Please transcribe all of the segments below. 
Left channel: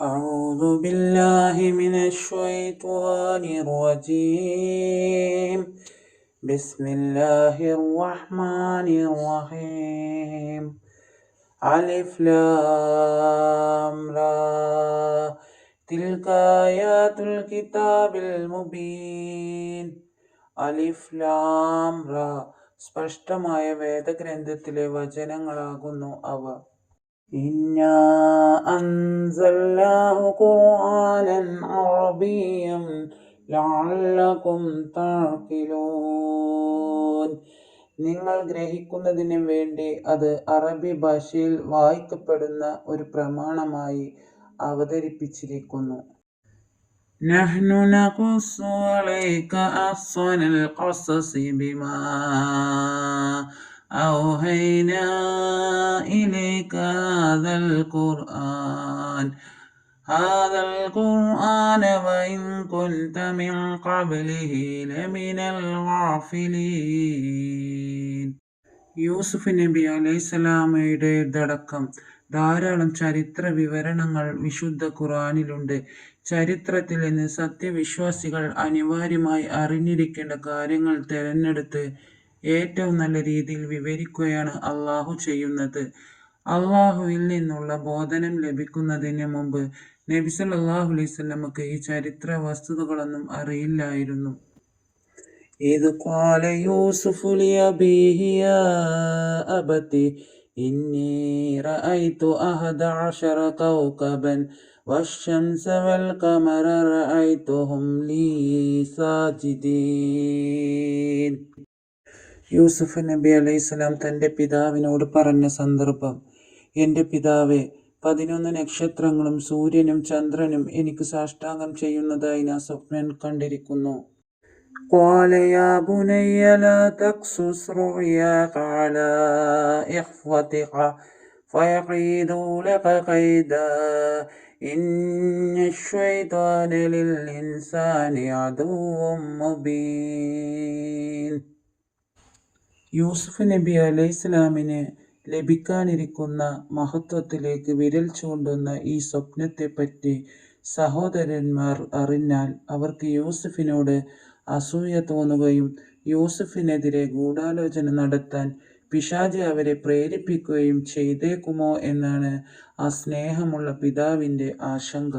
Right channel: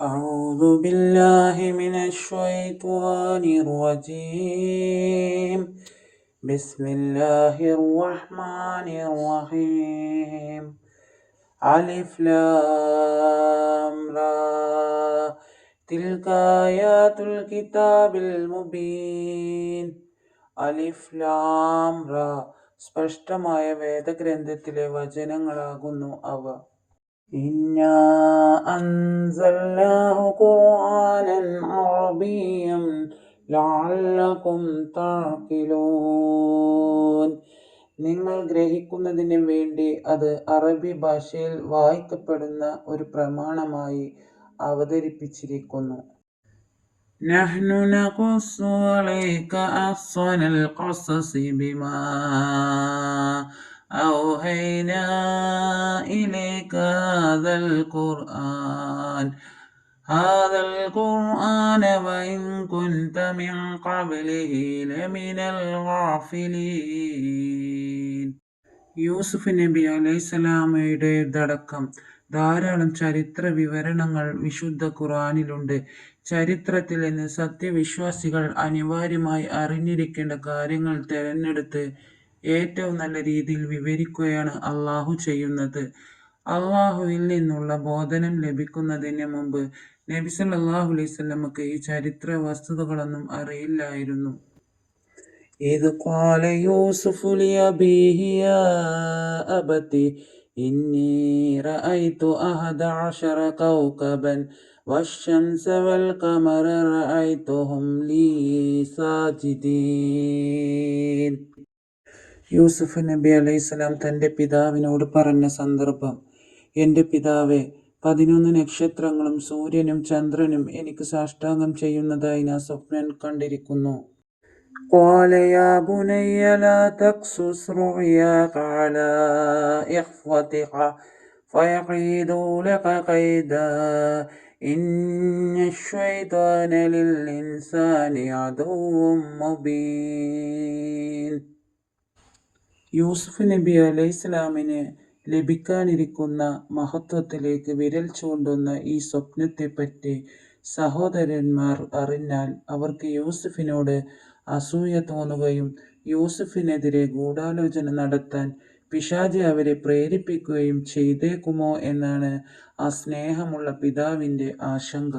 أعوذ بالله من الشيطان الرجيم. بسم الله الرحمن الرحيم. ألف لام را تلك آيات الكتاب المبين. അലിഫ് ലാം റ സ്പഷ്ടമായ വേദഗ്രന്ഥത്തിലെ വചനങ്ങളാകുന്നു അവ. ഇന്നാ അൻസൽനാഹു ഖുർആനൻ അറബിയ്യൻ ലഅല്ലകും തഅഖിലൂൻ. നിങ്ങൾ ഗ്രഹിക്കുന്നതിന് വേണ്ടി അത് അറബി ഭാഷയിൽ വായിക്കപ്പെടുന്ന ഒരു പ്രമാണമായി അവതരിപ്പിച്ചിരിക്കുന്നു. നഹ്നു നഖുസ്സു അലൈക അഹ്സനൽ ഖസസി ബിമാ أوحينا إليك هذا القرآن وإن كنت من قبله لمن الغافلين. യൂസുഫ് നബി അലൈഹിസ്സലാമയുടേതടക്കം ധാരാളം ചരിത്ര വിവരണങ്ങൾ വിശുദ്ധ ഖുർആനിലുണ്ട്. ചരിത്രത്തിൽ നിന്ന് സത്യവിശ്വാസികൾ അനിവാര്യമായി അറിഞ്ഞിരിക്കേണ്ട കാര്യങ്ങൾ തിരഞ്ഞെടുത്ത് ഏറ്റവും നല്ല രീതിയിൽ വിവരിക്കുകയാണ് അള്ളാഹു ചെയ്യുന്നത്. അള്ളാഹുവിൽ നിന്നുള്ള ബോധനം ലഭിക്കുന്നതിന് മുമ്പ് നബി സല്ലല്ലാഹു അലൈഹി വസല്ലമക്ക് ഈ ചരിത്ര വസ്തുതകളൊന്നും അറിയില്ലായിരുന്നു. ഇദ് ഖാല യൂസുഫു ലിഅബീഹി യാ അബതി ഇന്നി റഅയ്തു അഹദ അശറ കൗകബൻ വശംസ വൽ ഖമറ റഅയ്തുഹും ലീ സാജിദീൻ. യൂസുഫ് നബി അലൈഹിസ്സലാം തൻ്റെ പിതാവിനോട് പറഞ്ഞ സന്ദർഭം: എൻ്റെ പിതാവേ, 11 നക്ഷത്രങ്ങളും സൂര്യനും ചന്ദ്രനും എനിക്ക് സാഷ്ടാംഗം ചെയ്യുന്നതായി ഞാൻ സ്വപ്നം കണ്ടിരിക്കുന്നു. ഖാല യാ ബുനയ്യ ലാ തഖ്സുസ് റുഅയാക അലാ ഇഖ്വതിക ഫയഖീദൂ ലക ഖൈദാ ഇന്നശ്ശൈത്വാന ലിൽ ഇൻസാനി അദുവ്വും മുബീൻ. യൂസുഫ് നബി അലൈഹിസ്സലാമിന് ലഭിക്കാനിരിക്കുന്ന മഹത്വത്തിലേക്ക് വിരൽ ചൂണ്ടുന്ന ഈ സ്വപ്നത്തെപ്പറ്റി സഹോദരന്മാർ അറിഞ്ഞാൽ അവർക്ക് യൂസുഫിനോട് അസൂയ തോന്നുകയും യൂസുഫിനെതിരെ ഗൂഢാലോചന നടത്താൻ പിശാച് അവരെ പ്രേരിപ്പിക്കുകയും ചെയ്തേക്കുമോ എന്നാണ് ആ സ്നേഹമുള്ള പിതാവിൻ്റെ ആശങ്ക.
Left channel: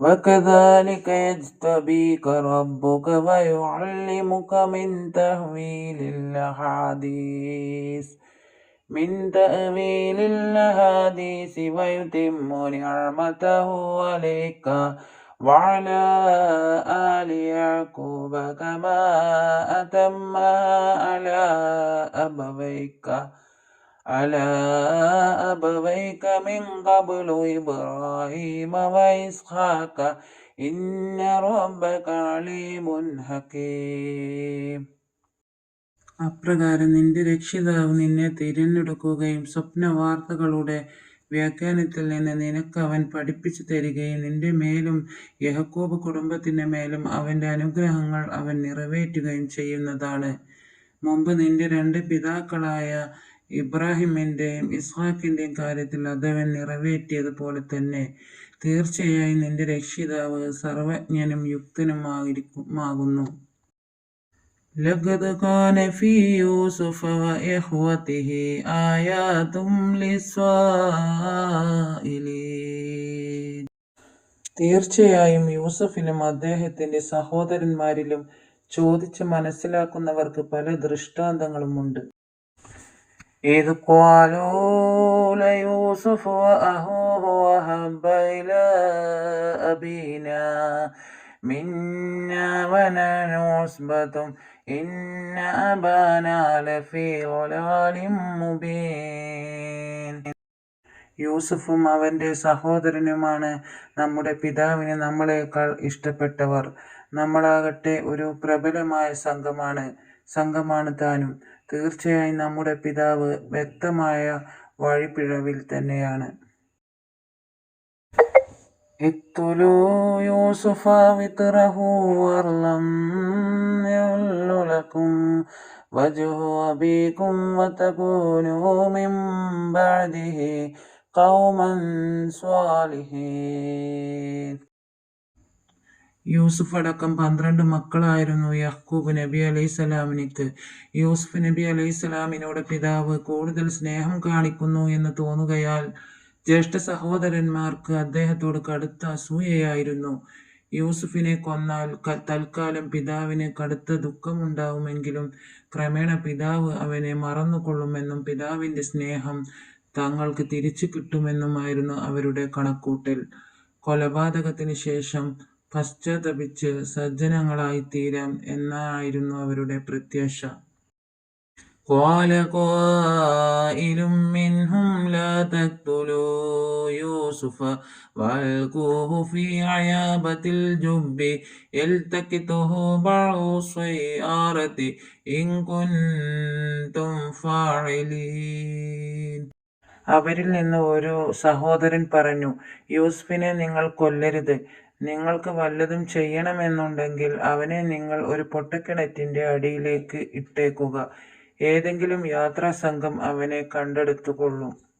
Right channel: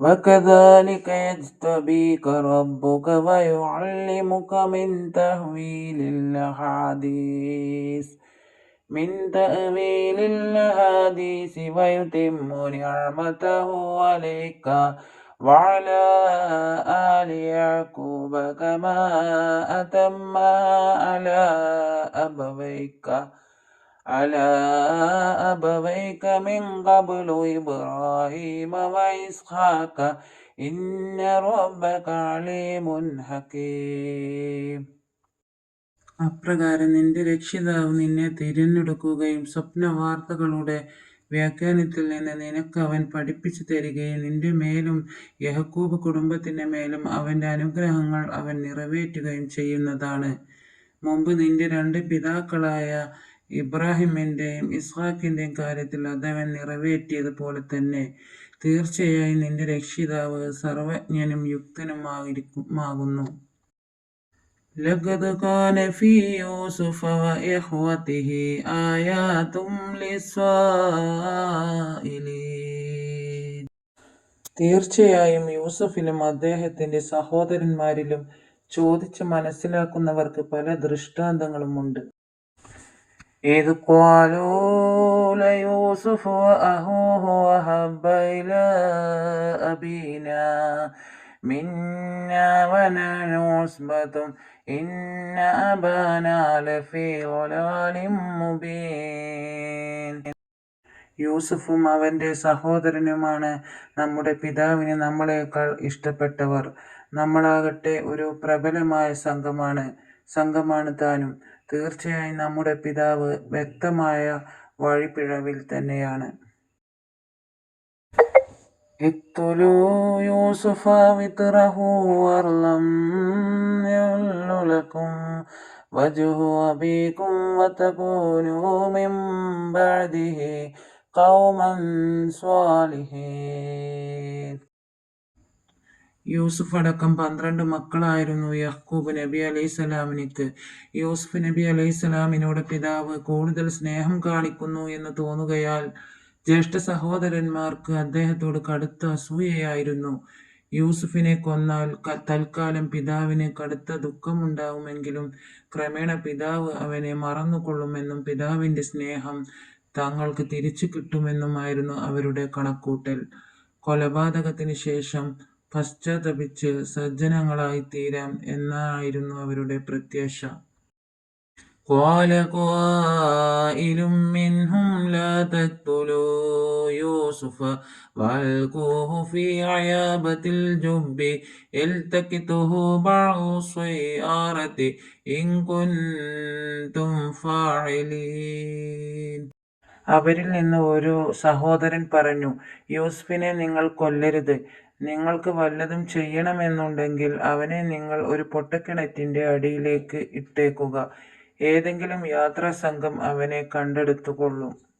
وكذلك يجتبيك ربك ويعلمك من تأويل الأحاديث ويتم نعمته عليك وعلى آل يعقوب كما أتمها على أبويك من قبل إبراهيم وإسحاق إن ربك عليم حكيم. അപ്രകാരം നിന്റെ രക്ഷിതാവ് നിന്നെ തിരഞ്ഞെടുക്കുകയും സ്വപ്നവാർത്തകളുടെ വ്യാഖ്യാനത്തിൽ നിന്ന് നിനക്ക് അവൻ പഠിപ്പിച്ചു തരികയും നിന്റെ മേലും യാക്കോബ് കുടുംബത്തിൻ്റെ മേലും അവൻ്റെ അനുഗ്രഹങ്ങൾ അവൻ നിറവേറ്റുകയും ചെയ്യുന്നതാണ്. മുമ്പ് നിന്റെ 2 പിതാക്കളായ ഇബ്രാഹിമിൻ്റെയും ഇസ്ഹാക്കിൻ്റെയും കാര്യത്തിൽ അതവൻ നിറവേറ്റിയതുപോലെ തന്നെ തീർച്ചയായും നിന്റെ രക്ഷിതാവ് സർവജ്ഞനും യുക്തനുമാകുന്നു. ലഖദ് കാന ഫീ യൂസുഫ വഇഖ്വതിഹി ആയാതും ലിസ്സായിലീൻ. തീർച്ചയായും യൂസുഫിലും അദ്ദേഹത്തിൻ്റെ സഹോദരന്മാരിലും ചോദിച്ച് മനസ്സിലാക്കുന്നവർക്ക് പല ദൃഷ്ടാന്തങ്ങളുമുണ്ട്. إذ قالوا ليوسف وأخوه أحب إلى أبينا منا ونحن عصبة إن أبانا لفي ضلال مبين. യൂസുഫും അവൻ്റെ സഹോദരനുമാണ് നമ്മുടെ പിതാവിന് നമ്മളെക്കാൾ ഇഷ്ടപ്പെട്ടവർ. നമ്മളാകട്ടെ ഒരു പ്രബലമായ സംഘമാണ് താനും. തീർച്ചയായും നമ്മുടെ പിതാവ് വ്യക്തമായ വഴിപ്പിഴവിൽ തന്നെയാണ്. ഇഖ്തുലൂ യൂസുഫ വിത്റഹു വറലം യഉല്ലു ലക്കും വജ്ഹു അബീകും വതകൂനൂ മിൻ ബഅദിഹി قوما صالحين. യൂസുഫ് അടക്കം 12 മക്കളായിരുന്നു യാക്കൂബ് നബി അലൈഹിസ്സലാമിനിക്ക്. യൂസുഫ് നബി അലൈഹിസ്സലാമിനോട് പിതാവ് കൂടുതൽ സ്നേഹം കാണിക്കുന്നു എന്ന് തോന്നുകയാൽ ജ്യേഷ്ഠ സഹോദരന്മാർക്ക് അദ്ദേഹത്തോട് കടുത്ത അസൂയയായിരുന്നു. യൂസുഫിനെ കൊന്നാൽ തൽക്കാലം പിതാവിന് കടുത്ത ദുഃഖമുണ്ടാവുമെങ്കിലും ക്രമേണ പിതാവ് അവനെ മറന്നുകൊള്ളുമെന്നും പിതാവിന്റെ സ്നേഹം തങ്ങൾക്ക് തിരിച്ചു കിട്ടുമെന്നുമായിരുന്നു അവരുടെ കണക്കൂട്ടൽ. കൊലപാതകത്തിന് ശേഷം പശ്ചാത്തപിച്ച് സജ്ജനങ്ങളായിത്തീരാം എന്നായിരുന്നു അവരുടെ പ്രത്യാശ. قال قائل منهم لا تقتلوا يوسف وألقوه في غيابة الجب يلتقطه بعض السيارة إن كنتم فاعلين. അവരിൽ നിന്ന് ഒരു സഹോദരൻ പറഞ്ഞു, യൂസുഫിനെ നിങ്ങൾ കൊല്ലരുത്. നിങ്ങൾക്ക് വല്ലതും ചെയ്യണമെന്നുണ്ടെങ്കിൽ അവനെ നിങ്ങൾ ഒരു പൊട്ടക്കിണറ്റിന്റെ അടിയിലേക്ക് ഇട്ടേക്കുക. ഏതെങ്കിലും യാത്രാസംഘം അവനെ കണ്ടെടുത്തുകൊള്ളും.